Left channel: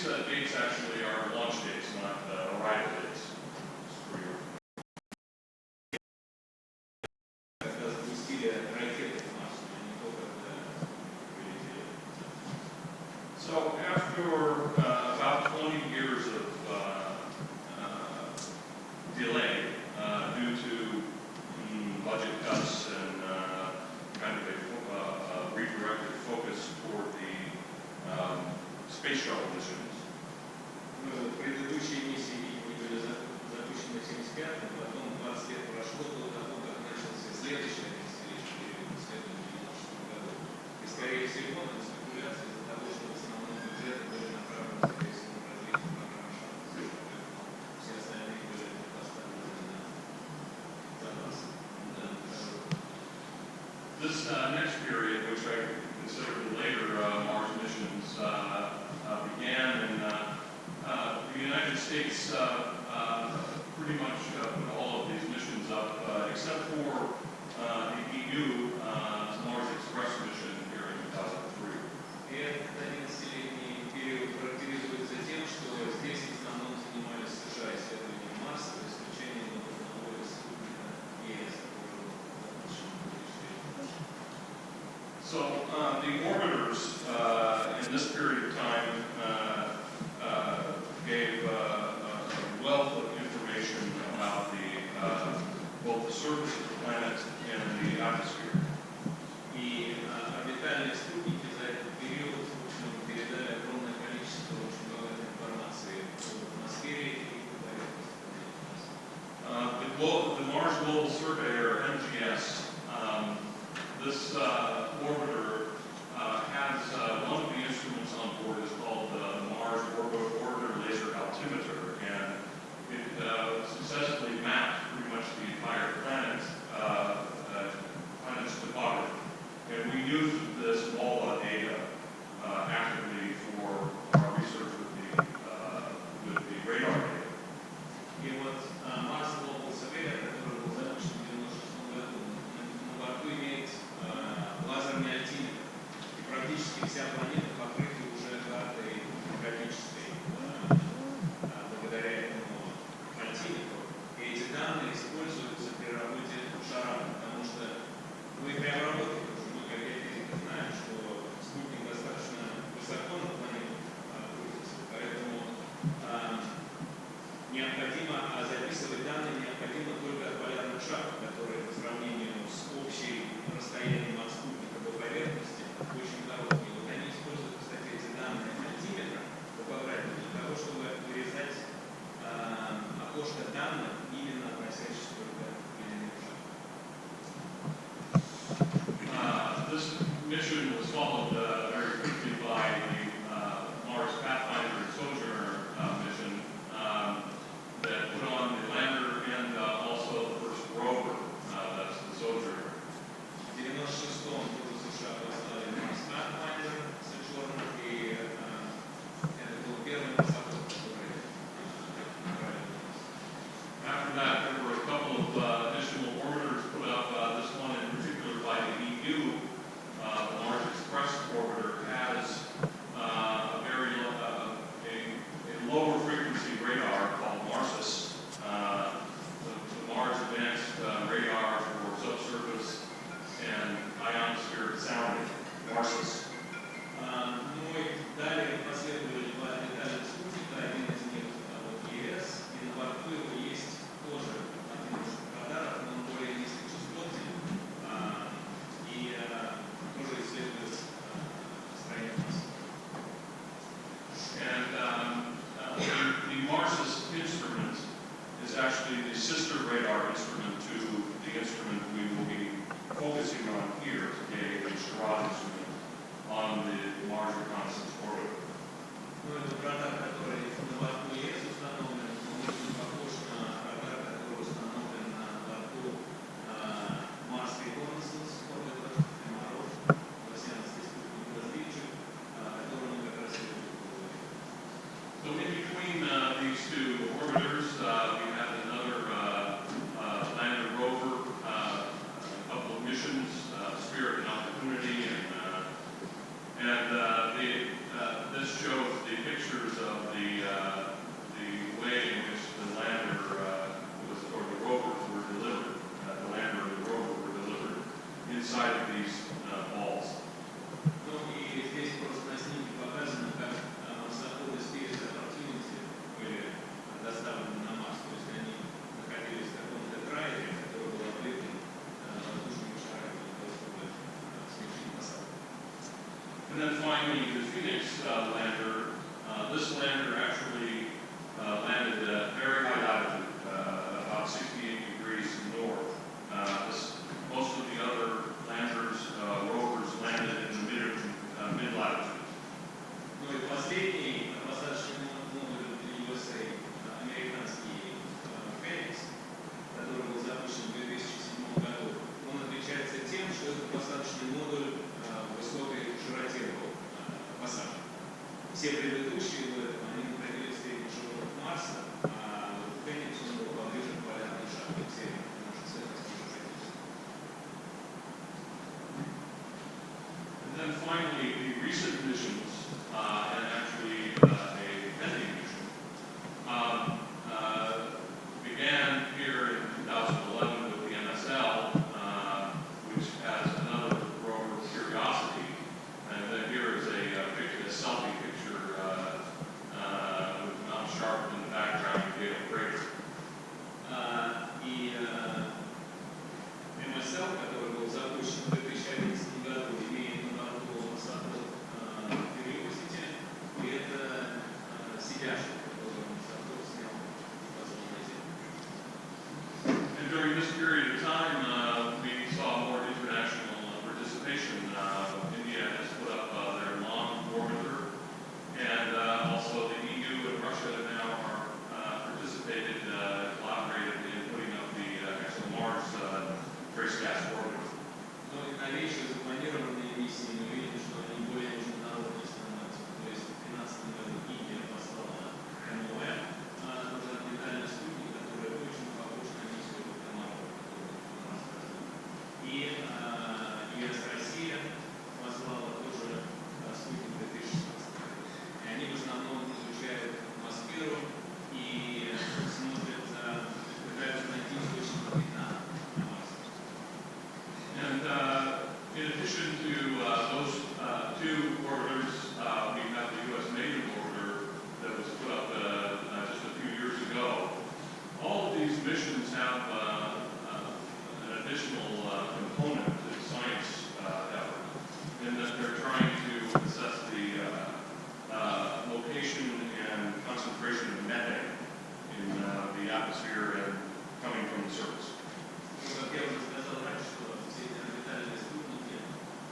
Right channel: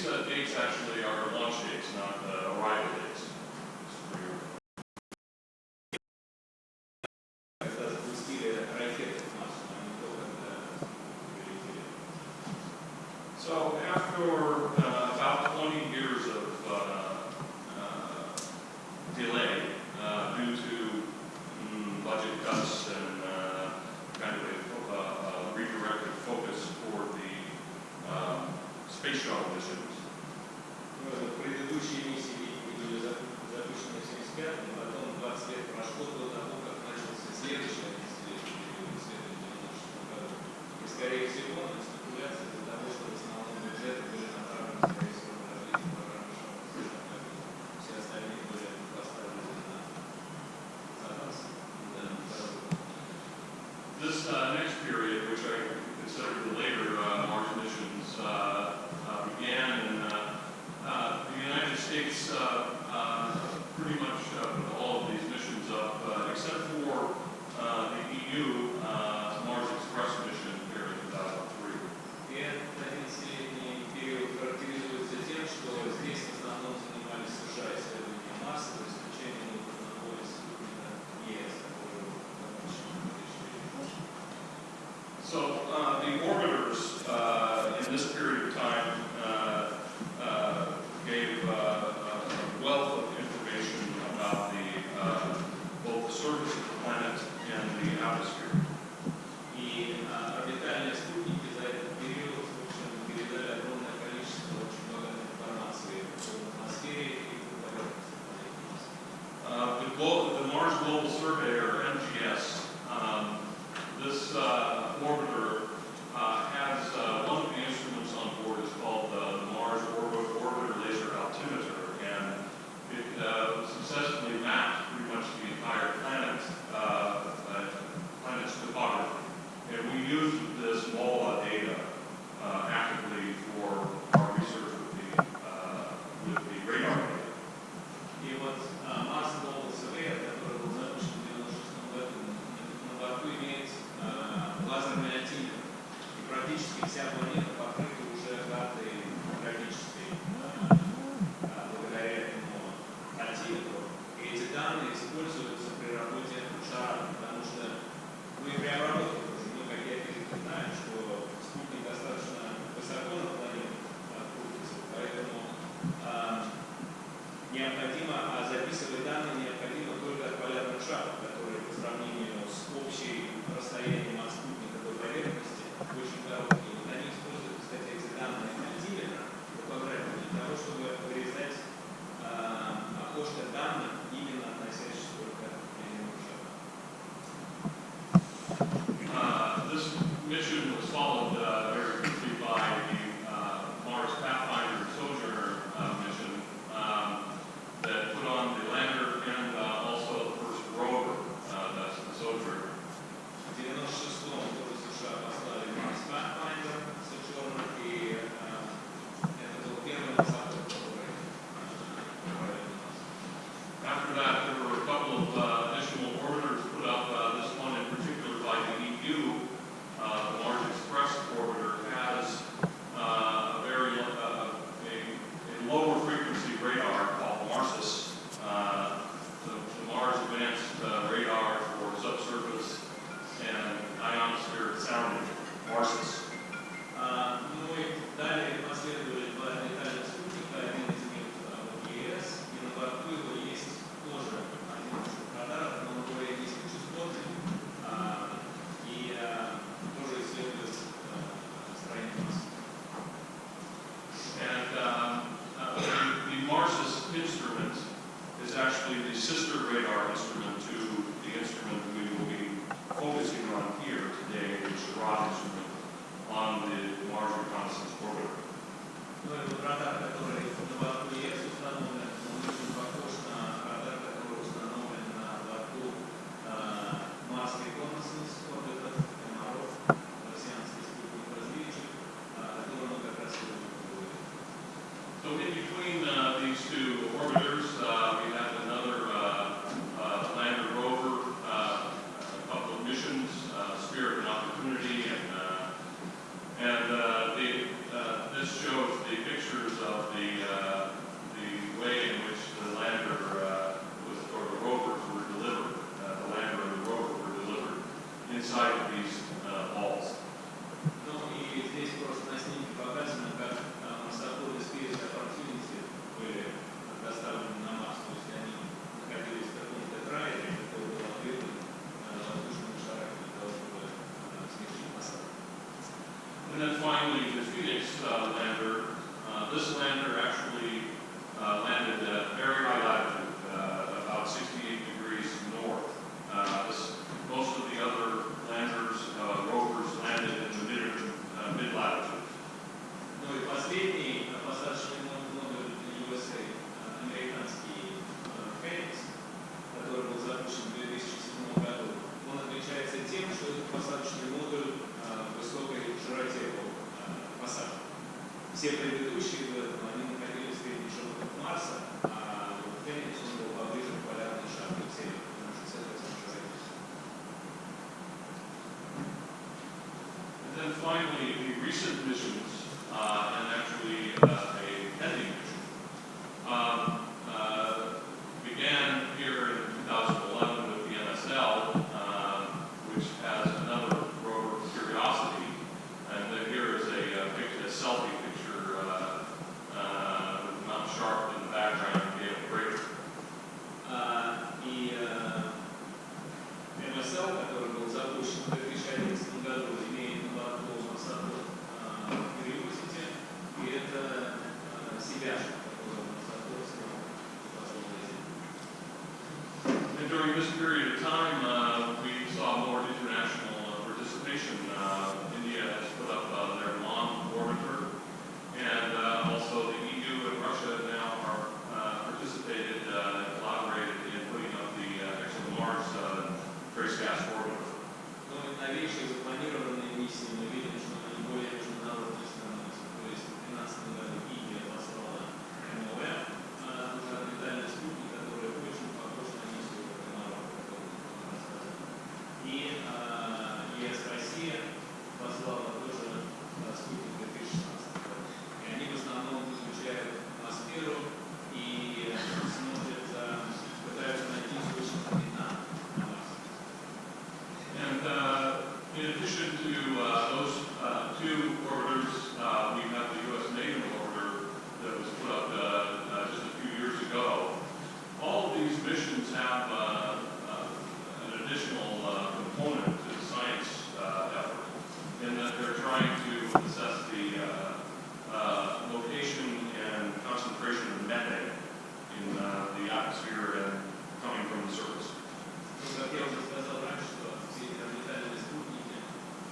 these dates actually are launch dates, not arrival dates. Когда запустили ракеты в Марс, но не только когда вылетели. So after about 20 years of delay due to budget cuts and kind of a redirected focus toward the space shuttle missions. Предыдущие миссии были запущены в 1975, потом 20 лет прошло до того, как начался следующий 11-летний период исследований в 1996 году. И, скорее всего, на спекуляции из-за того, что в основном бюджеты были направлены, скорее всего, на развитие программы ШАПОК, поэтому все остальные были поставлены на запас. This next period, which I consider the later Mars missions, began in the United States pretty much put all of these missions up, except for the EU Mars Express mission here in 2003. И этот 11-летний период характеризуется тем, что здесь в основном занимались США исследованием Марса, за исключением одного из спутника ЕС, который был запущен в 2003. So the orbiters in this period of time gave a wealth of information about both the surface of the planet and the atmosphere. И орбитальные спутники за этот период, в общем, передали огромное количество очень богатой информации о атмосфере и о поверхности планеты Марса. The Mars Global Survey, or MGS, this orbiter has one of the instruments on board is called the Mars Orbiter Laser Altimeter, and it successfully mapped pretty much the entire planet's topography. And we use this MOLA data actively for our research with the radar data. И вот Mars Global Survey, который был запущен в 1996 году, на борту имеет лазерный альтиметр. И практически вся планета покрыта уже картой графической благодаря этому альтиметру. И эти данные используются при работе ШАРАДа, потому что и при обработке тоже мы, как геофизики, знаем, что спутник достаточно высоко над планетой крутится, поэтому необходимо записывать данные необходимо только от полярных шапок, которые по сравнению с общим расстоянием от спутника до поверхности очень короткие. Вот они используют, кстати, эти данные альтиметра топографии для того, чтобы вырезать окошко данных, именно относящихся только к ледяным шапкам. This mission was followed very quickly by the Mars Pathfinder and Sojourner mission that put on the lander and also the first rover, that's the Sojourner. В 1996-м тоже США послали Mars Pathfinder, Sojourner, и это был первый марсоход, который направили на Марс. After that, there were a couple of additional orbiters put up. This one in particular by the EU, the Mars Express orbiter, has a very a lower frequency radar called Marsis, the Mars Advanced Radar for Subsurface and Ionosphere Sounding, Marsis. Ну и далее последовали два орбитальных спутника, один из них от ЕС, и на борту его есть тоже один из радаров, но он более низкочастотный, и тоже исследует строение Марса. And the Marsis instrument is actually the sister radar instrument to the instrument we will be focusing on here today, the SHARAD instrument on the Mars Reconnaissance Orbiter. Ну и вот радар, который на борту ЕС установлен, он очень похож на радар, который установлен на борту Mars Reconnaissance Orbiter, МРО, марсианский спутник-разведчик, о котором мы как раз и будем говорить. So in between these two orbiters, we have another lander rover, a couple of missions, Spirit and Opportunity, and the way in which the lander or the rovers were delivered, the lander and the rover were delivered inside of these balls. Ну и здесь просто на снимке показано, как марсоходы Spirit Opportunity были доставлены на Марс. То есть они находились в каком-то трайлере, который был открыт воздушными шарами для того, чтобы совершить посадку. And then finally, the Phoenix lander. This lander actually landed at very high latitude, about 68 degrees north. Most of the other landers, rovers, landed in the mid-latitude. Ну и последний посадочный модуль USA, американский Phillips, который был запущен в 2007 году, он отличается тем, что этот посадочный модуль в высокой широте был посажен. Все предыдущие до этого, они находились в средних широтах Марса, а Phillips он был поближе к полярной шапке, к северу, на 68 широте. And then finally, the recent missions, and actually a pending mission, began here in 2011 with the MSL, which has another rover, Curiosity, and then here is a selfie picture with Mount Sharp in the background and Gale Crater. И МСЛ, который был запущен в 2011 году, имеет на борту марсоход Curiosity, и это себяшка, которую марсоход снял непосредственно на Землю. And during this period of time, we saw more international participation. India has put up their long orbiter, and also the EU and Russia now are participated, collaborated in putting up the ExoMars trace gas orbiter. Но новейшие запланированные миссии мы видим, что они более международные становятся. То есть в 2013 году Индия послала МОЭ, тоже орбитальный спутник, который очень похож на миссию Марова, которую мы рассказывали. И ЕС Россия послала тоже спутник 2016 года. И они в основном изучают атмосферу и смотрят, пытаются найти источник метана на Марсе. And in addition to those two orbiters, we have the U.S. maiden orbiter that was put up just a few years ago. All of these missions have an additional component to the science effort, in that they're trying to assess the location and concentration of methane in the atmosphere and coming from the surface. Ну, как я уже сказал раньше, что все эти орбитальные спутники,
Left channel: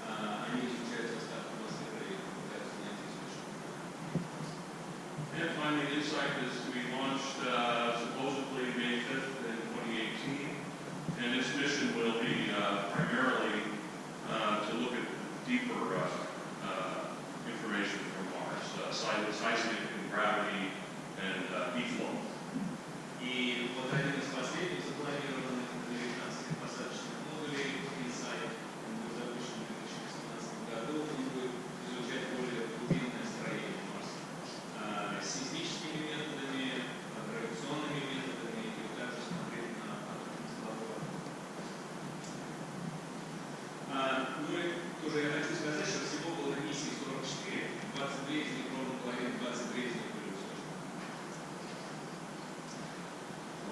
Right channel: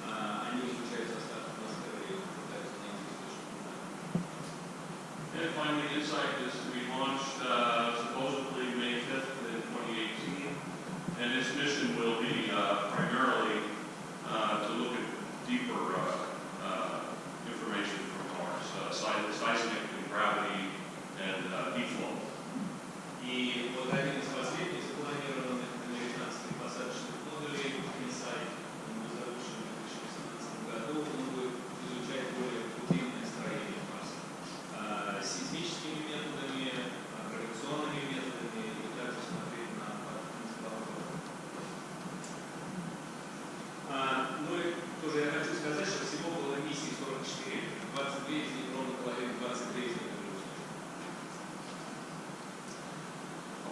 они изучают состав атмосферы и пытаются найти источник метана. And finally, InSight is to be launched supposedly May 5th in 2018, and its mission will be primarily to look at deeper information from Mars, seismic and gravity and heat flow. И вот один из последних запланированных американских посадочных модулей InSight, он был запущен в 2018 году, он будет изучать более глубинное строение Марса. Сейсмическими методами, гравитационными методами и также смотреть на тепловой воздух. Ну и тоже я хочу сказать, что всего было миссий 44, 22 из них, ровно половина, 23 из них были успешны.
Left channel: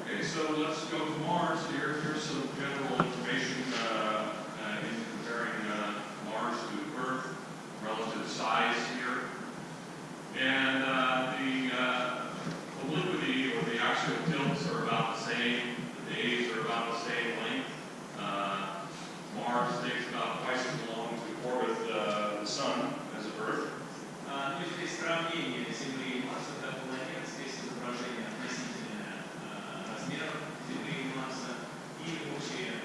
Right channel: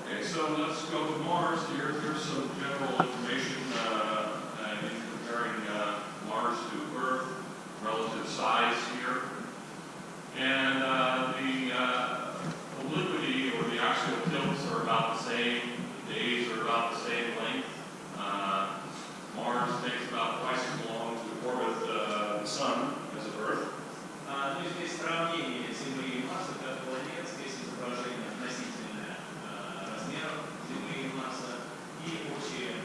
Okay, so let's go to Mars. Here's some general information in comparing Mars to Earth, relative size here. And the obliquity or the axial tilts are about the same. The days are about the same length. Mars takes about twice as long to orbit the Sun as Earth. Ну и здесь сравнение Земли и Марса как планет, здесь изображение относительное размеров Земли и Марса и общие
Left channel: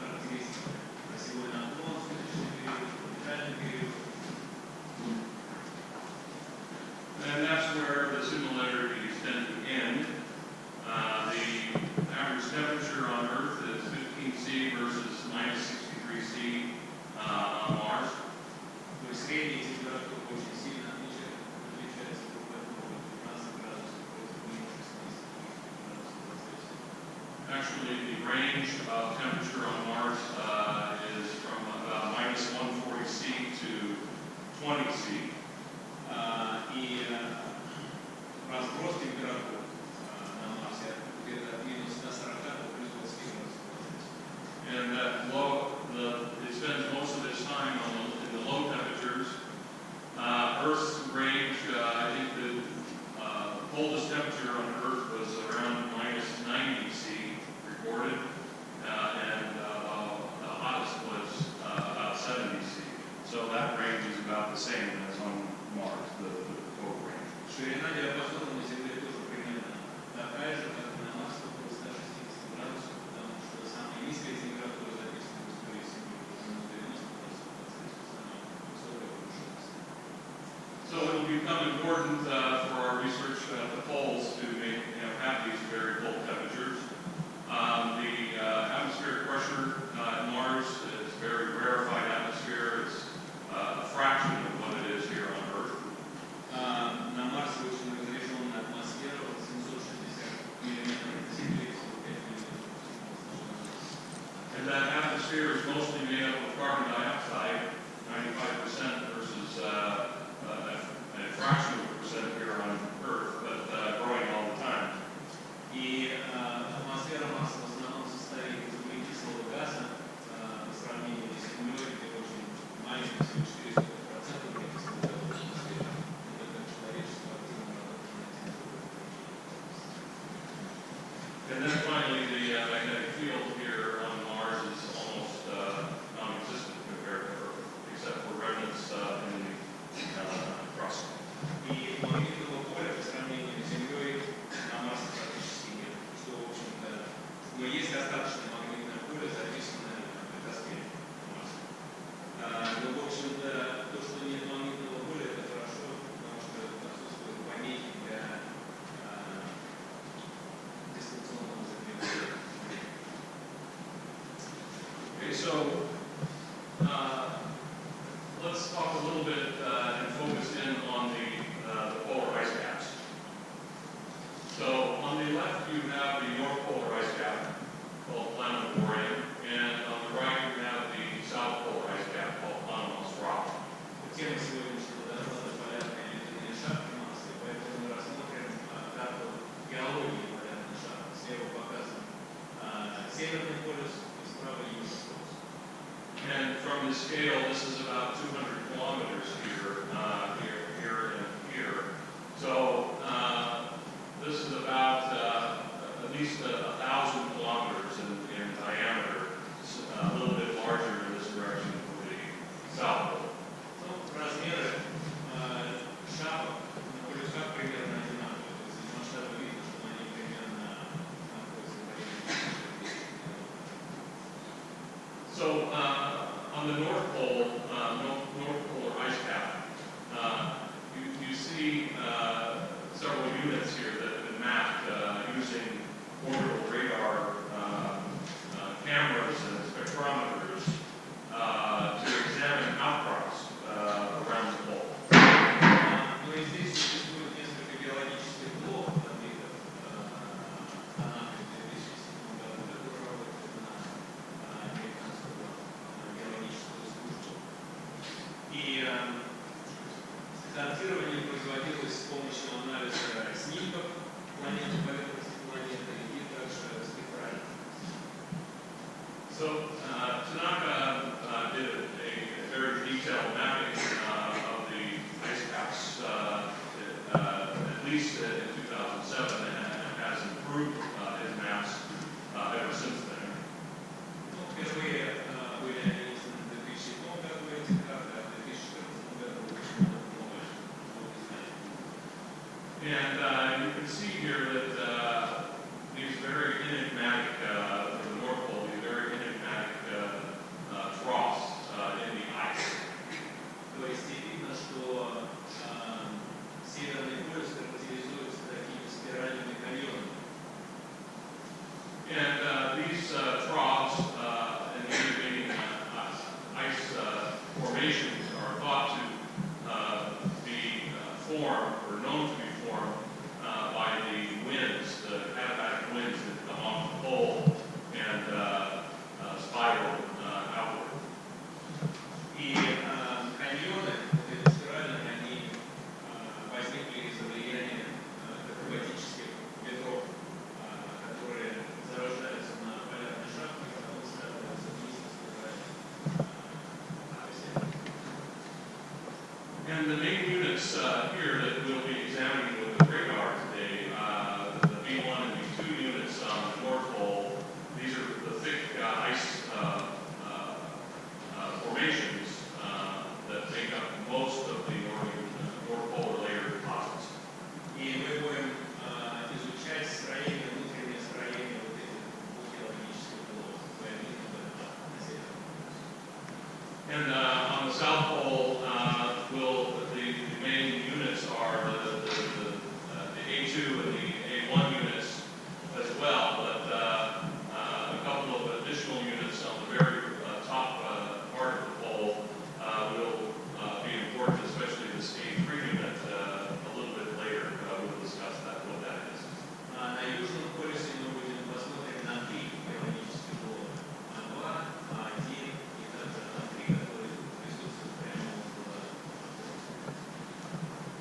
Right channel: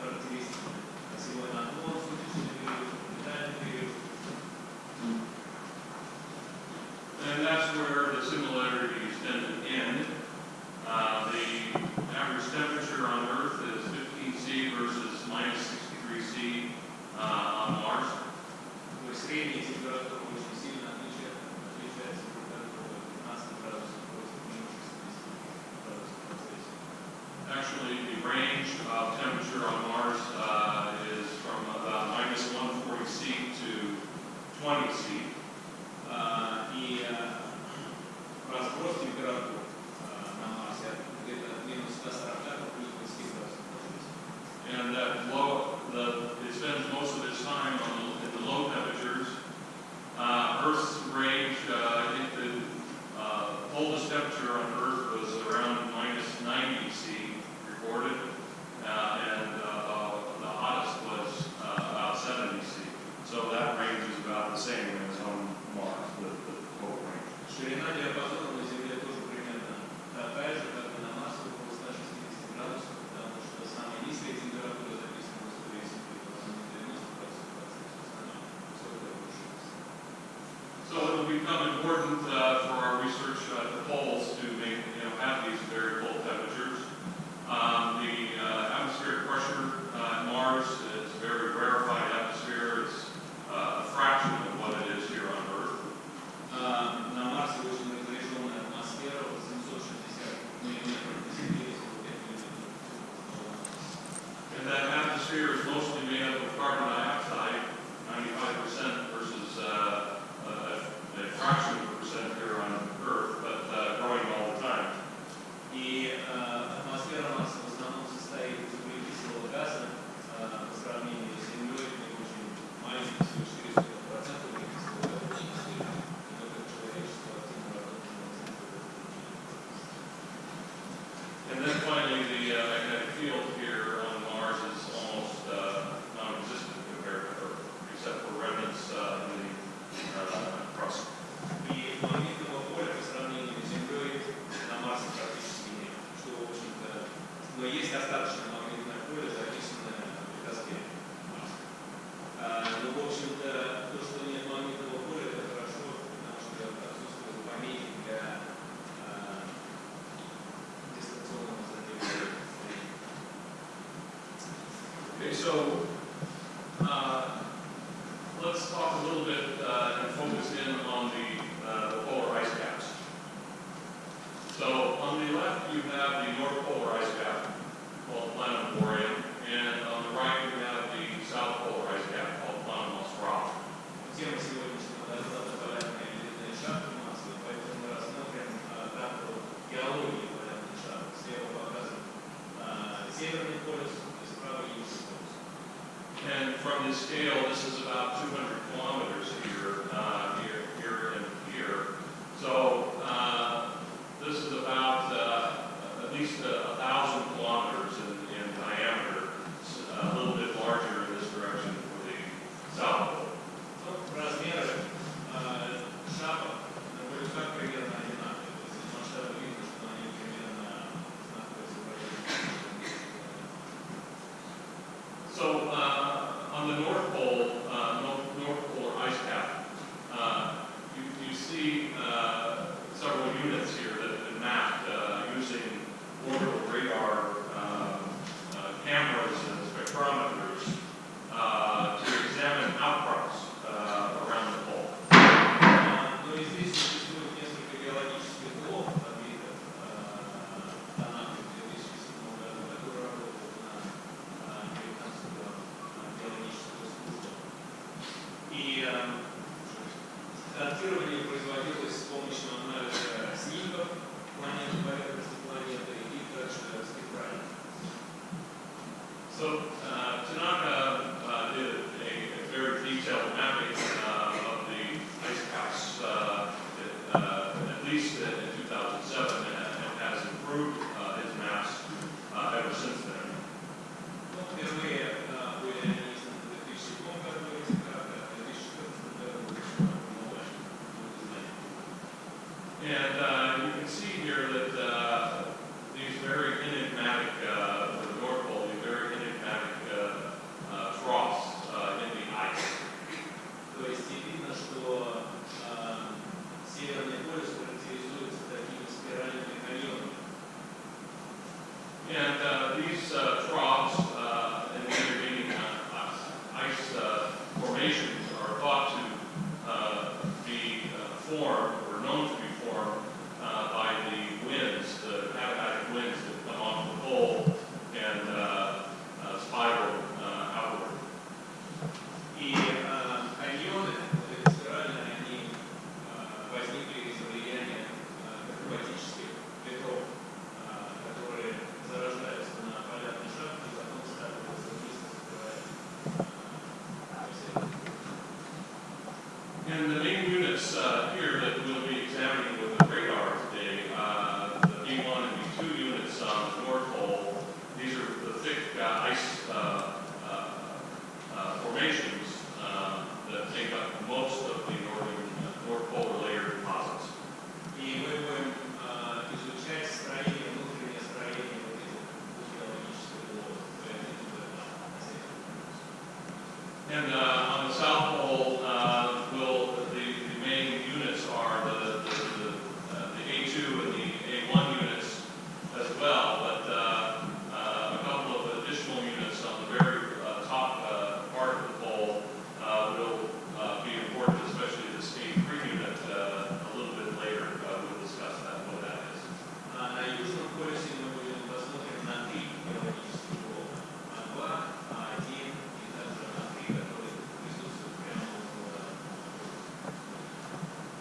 характеристики. Осевой наклон, суточный период, орбитальный период. And that's where the similarities tend to end. The average temperature on Earth is 15 C versus minus 63 C on Mars. То есть средняя температура очень сильно отличается друг от друга, 15 range of temperature on Mars is from about -140°C to 20°C. И разброс температур на Марсе где-то от -140 до +20 градусов по Цельсию. And that it spends most of its time in the low temperatures. Earth's range, I think the coldest temperature on Earth was around -90°C recorded, and the hottest was about 70°C. So that range is about the same as on Mars, the total range. Ширина диапазона на Земле тоже примерно такая же, как и на Марсе, около 160 градусов, потому что самая низкая температура записана в истории Земли была -90 градусов по Цельсию, самая высокая — +60. So it will become important for our research at the poles to have these very cold temperatures. The atmospheric pressure at Mars is a very rarefied atmosphere. It's a fraction of what it is here on Earth. На Марсе очень разреженная атмосфера, 760 миллиметров на Земле, 45 миллиметров в And that atmosphere is mostly made up of carbon dioxide, 95% versus a fraction of a percent here on Earth, but growing all the time. И атмосфера Марса в основном состоит из углекислого газа по сравнению с Землей, где очень маленький, всего 400% углекислого газа в атмосфере. Но только человечество активно работает над тем, чтобы это значение повысить. And then finally, the magnetic field here on Mars is almost non-existent compared to Earth, except for remnants in the crust. И магнитного поля по сравнению с Землей на Марсе практически нет, что, в общем-то, но есть достаточно магнитное поле, записанное в литосфере Марса. Но, в общем-то, то, что нет магнитного поля, это хорошо, потому что отсутствуют помехи для дистанционного запрета. Okay, so let's talk a little bit and focus in on the polar ice caps. So on the left you have the North Polar ice cap called Planetarium, and on the right you have the South Polar ice cap called Planostrata. Тема сегодняшнего доклада — полярные ледяные шапки Марса, и поэтому мы рассмотрим карту геологии полярных шапок. Слева показан Северный полюс и справа Южный полюс. And from this scale, this is about 200 kilometers here, here, and here. So this is about at least 1,000 kilometers in diameter. It's a little bit larger in this direction for the South Pole. Размеры шапок на полюсах примерно одинаковые. То есть из масштаба видно, что они примерно находятся в районе 200 километров. So on the North Pole, North Polar ice cap, you see several units here that have been mapped using orbital radar cameras and spectrometers to examine outcrops around the pole. Но и здесь существует несколько геологических блоков отбитых в Анапе в 2007 году, которые работают на американскую геологическую службу. И картирование производилось с помощью анализа снимков планеты, поверхности планеты и также спектральных. So Tanaka did a very detailed mapping of the ice caps at least in 2007 and has improved his maps ever since then. Ну, впервые были они изданы в 2007 году, эти карты, а в 2014 году очень много изданий. And you can see here that these very enigmatic, for the North Pole, these very enigmatic troughs in the ice. То есть видно, что Северный полюс характеризуется такими спиральными каньонами. And these troughs and the intervening ice formations are thought to be formed or known to be formed by the winds, the katabatic winds that come off the pole and spiral outward. И каньоны, вот эти спиральные, они возникли из-за влияния акробатических ветров, которые зарождаются на полярной шапке и потом скатываются вниз, закрывая And the main units here that we'll be examining with the radar today, the B1 and B2 units on the North Pole, these are the thick ice formations that make up most of the North Polar layer deposits. И мы будем изучать строение, внутреннее строение вот этих двух геологических блоков. And on the South Pole, the main units are the A2 and the A1 units as well, but a couple of additional units on the very top part of the pole will be important, especially this A3 unit a little bit later. We'll discuss what that is. На южном полюсе мы будем посмотреть на три геологических блока. А2, А1 и также А3, которые присутствуют прямо около полюса.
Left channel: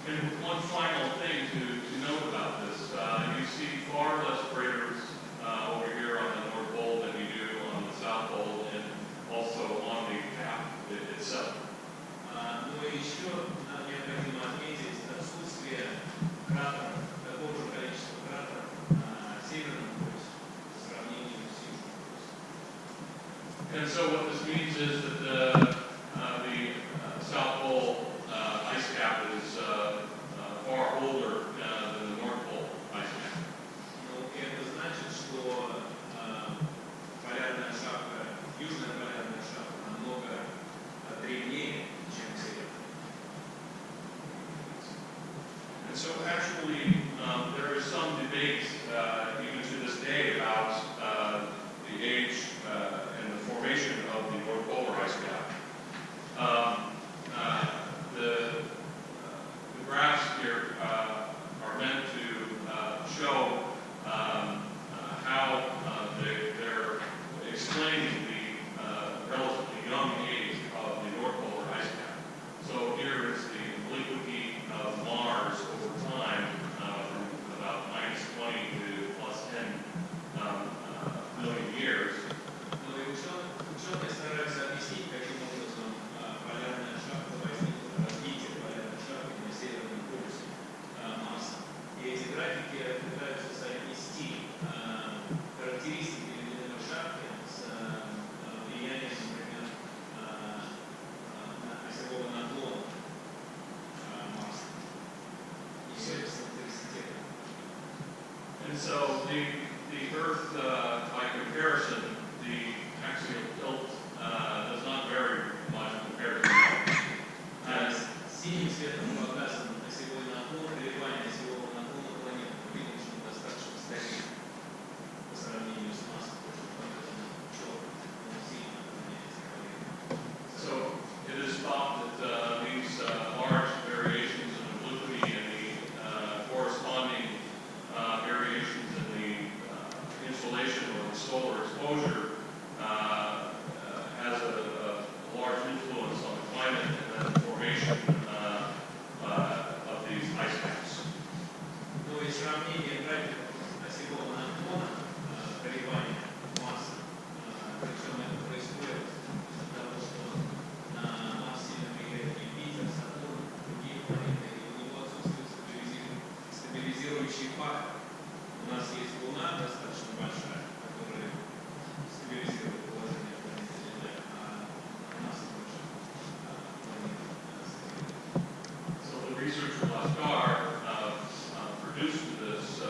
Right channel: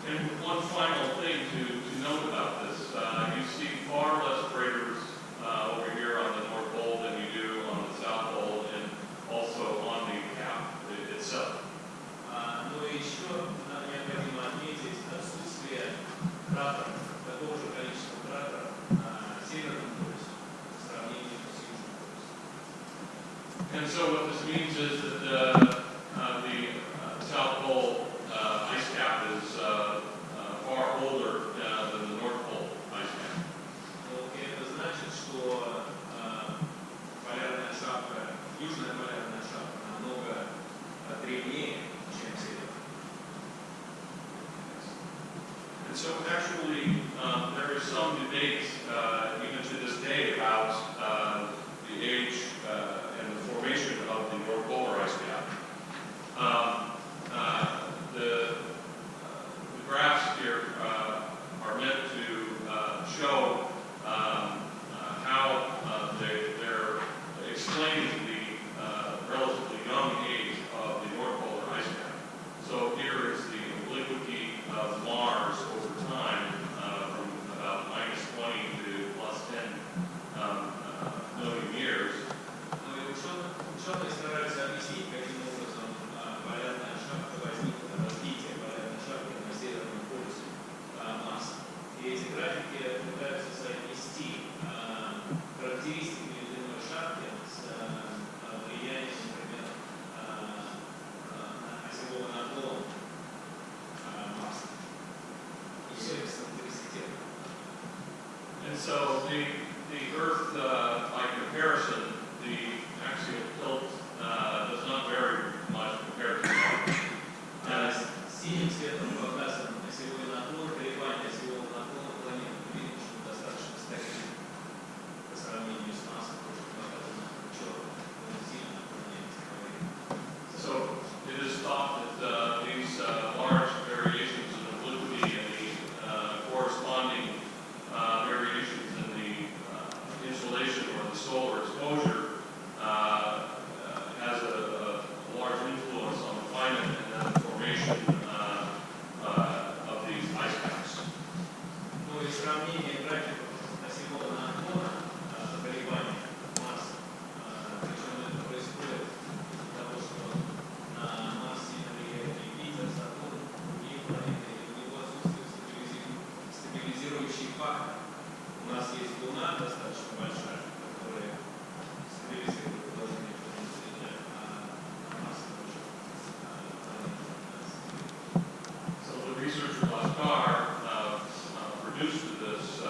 And with one final thing to note about this, you see far less craters over here on the North Pole than you do on the South Pole and also on the cap itself. Но еще необходимо отметить отсутствие кратеров, такого же количества кратеров на Северном полюсе по сравнению с Южным полюсом. And so what this means is that the South Pole ice cap is far older than the North Pole ice cap. Но это значит, что полярная шапка, южная полярная шапка намного древнее, чем северная. And so actually there is some debate even to this day about the age and the formation of the North Polar ice cap. The graphs here are meant to show how they're explaining the relatively young age of the North Polar ice cap. So here is the obliquity of Mars over time from about -20 to +10 million years. Но и ученые стараются объяснить, каким образом полярная шапка возникла, развитие полярной шапки на Северном полюсе Марса. И эти графики пытаются соотнести характеристики ледяной шапки с влиянием, например, осевого наклона Марса и эксцентриситета. And so the Earth, by comparison, the axial tilt does not vary much compared to Mars. Синим цветом показан осевой наклон, колебания осевого наклона планеты. Мы видим, что он достаточно стабильный по сравнению с Марсом, то, что показано черным. Он сильно отклоняется по времени. So it is thought that these large variations in obliquity and the corresponding variations in the insolation or the solar exposure has a large influence on the climate and then the formation of these ice caps. Ну и сравнение графиков осевого наклона колебаний Марса, причем это происходит из-за того, что на Марс сильно влияет Юпитер, Сатурн, другие планеты, и у него отсутствует стабилизирующий фактор. У нас есть Луна достаточно большая, которая стабилизирует положение планеты Земля, а на Марсе больше планеты стабилизируют. So the researchers last car produced this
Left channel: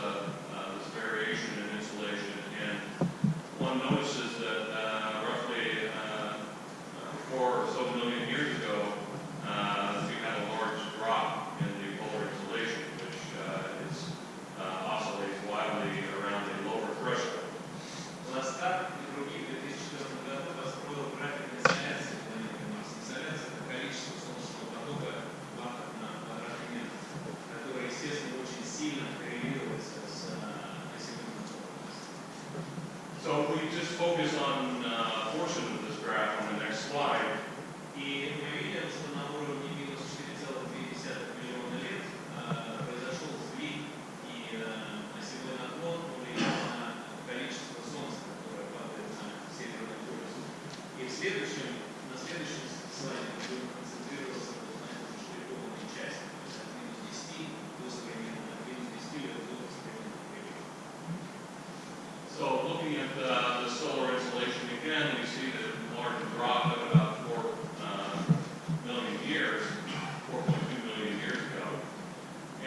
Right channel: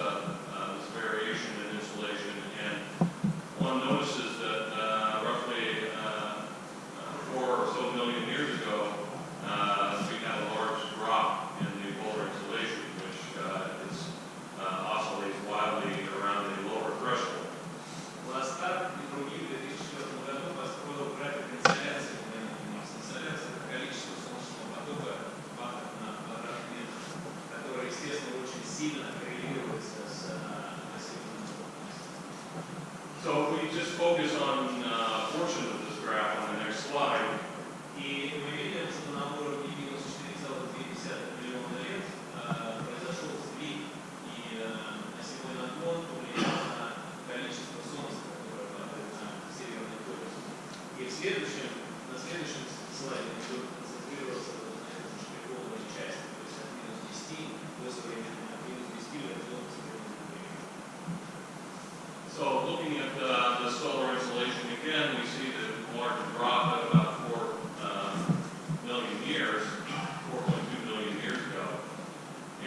variation in insulation, and one notices that roughly 4 or so million years ago, we had a large drop in the polar insulation, which oscillates wildly around the lower threshold. Ластар и другие в 2004 году построил график инсоляции планеты Марс. Инсоляция – это количество солнечного потока в ваттах на квадратный метр, которое, естественно, очень сильно коррелируется с осевым наклоном Марса. So if we just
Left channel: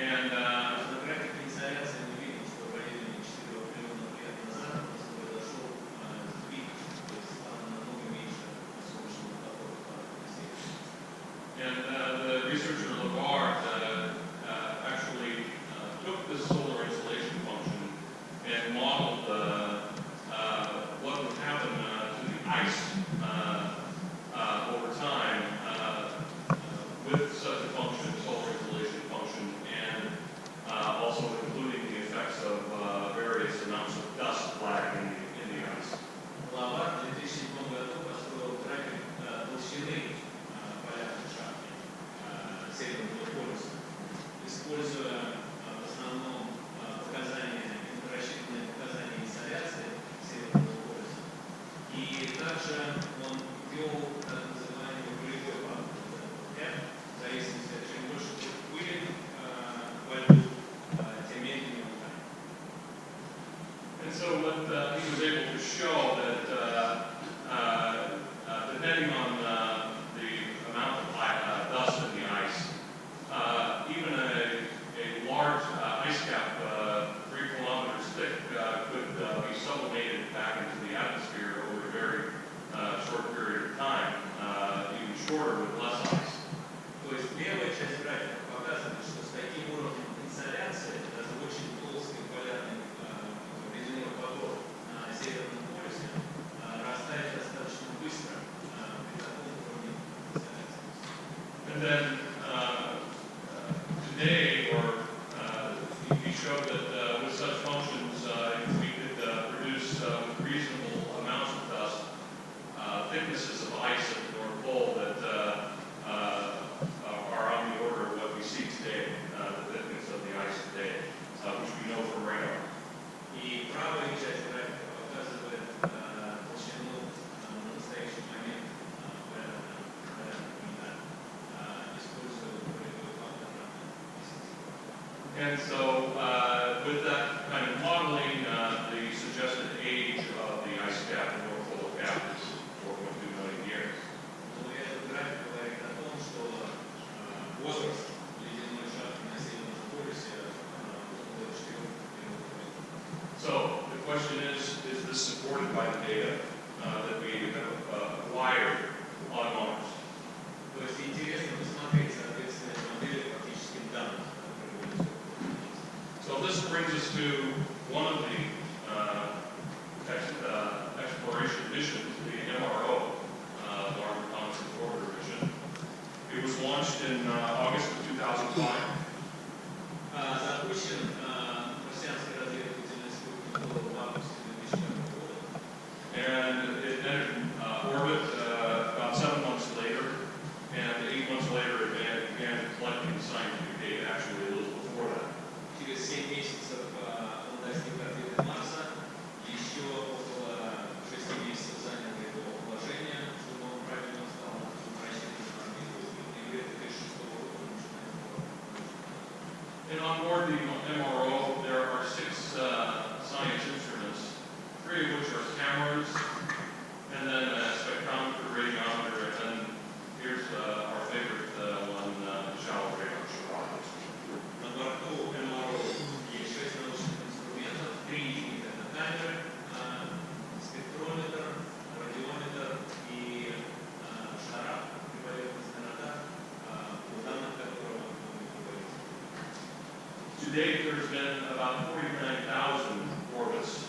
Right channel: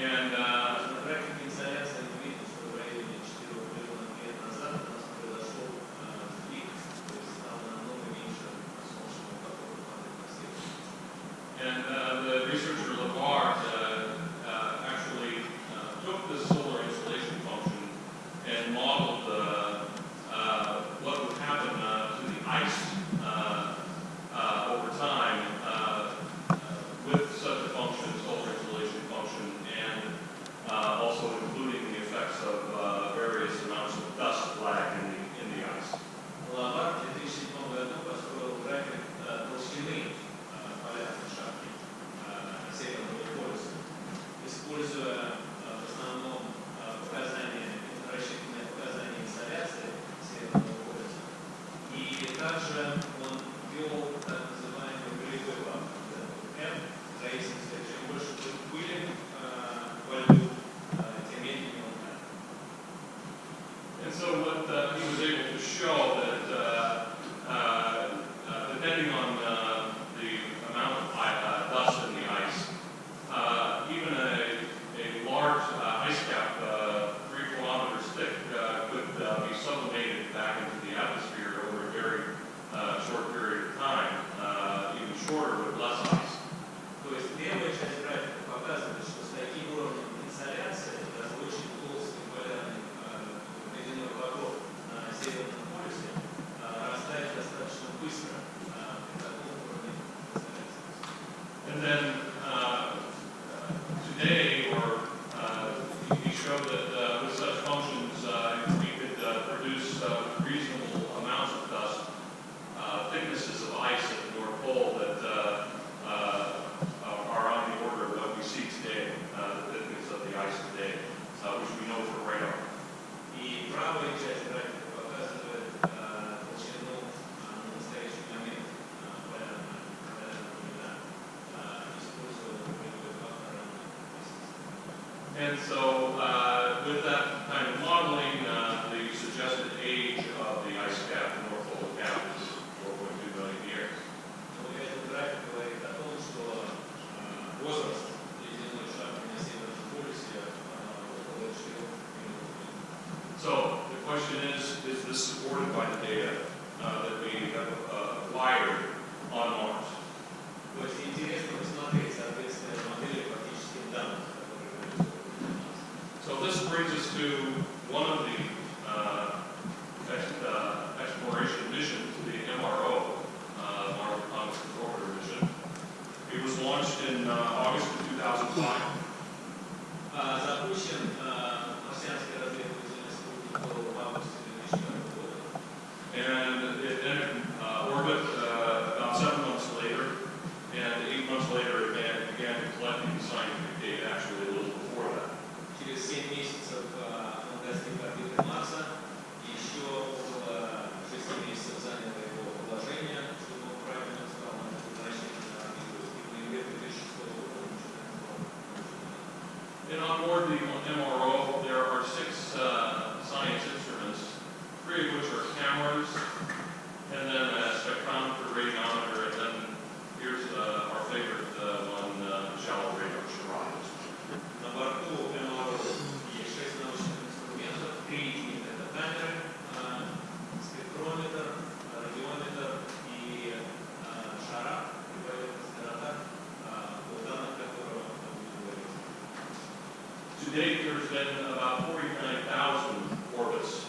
And На графике инсоляции мы видим, что в районе 4 миллионов лет назад у нас произошел сдвиг, то есть стало намного меньше солнечного потока падать на север. And the researcher Labarre actually took the solar insolation function and modeled what would happen to the ice over time with such a function, solar insolation function, and also including the effects of various amounts of dust lag in the ice. Лавар в 2007 году построил график толщины полярной шапки Северного полюса, используя в основном рассчитанные показания инсоляции Северного полюса. И также он ввел так называемый полевой фактор, в зависимости от чем больше будет пыли во льду, тем медленнее он тает. And so what he was able to show that depending on the amount of dust in the ice, even a large ice cap 3 kilometers thick could be sublimated back into the atmosphere over a very short period of time, even shorter with less ice. То есть левая часть графика показывает, что с таким уровнем инсоляции даже очень толстый полярный ледяной поток на Северном полюсе растает достаточно быстро при таком уровне инсоляции. And then today, or he showed that with such functions, we could produce reasonable amounts of dust, thicknesses of ice at the North Pole that are on the order of what we see today, the thickness of the ice today, which we know from radar. И правая часть графика показывает толщину на настоящий момент полярного льда, используя полевой фактор ранее. And so with that kind of modeling, the suggested age of the ice cap, the North Polar cap, is 4.2 million years. Но этот график говорит о том, что возраст ледяной шапки на Северном полюсе около 4 миллионов лет. So the question is this supported by the data that we have acquired on Mars? То есть интересно посмотреть соответствие модели фактическим данным, которые были созданы на Марсе. So this brings us to one of the exploration missions, the MRO, Mars Reconnaissance Orbiter mission. It was launched in August of 2005. Запущен марсианский разведывательный спутник был в августе 2005 года. And it entered orbit about 7 months later, and 8 months later it began collecting scientific data, actually a little before that. Через 7 месяцев он достиг орбиты Марса, и еще около 6 месяцев занял его положение, чтобы он правильно стал на возвращение на орбиту, и в ноябре 2006 года он начинает сбор научных данных. And on board the MRO, there are 6 science instruments, 3 of which are cameras, and then a spectrometer, radiometer, and then here's our favorite one, shallow radar, SHARAD. На борту МРО есть 6 научных инструментов, 3 из них это камеры, спектрометр, радиометр и ШАРАД, поверхностный радар, о данных которого мы будем говорить. To date, there's been about 49,000 orbits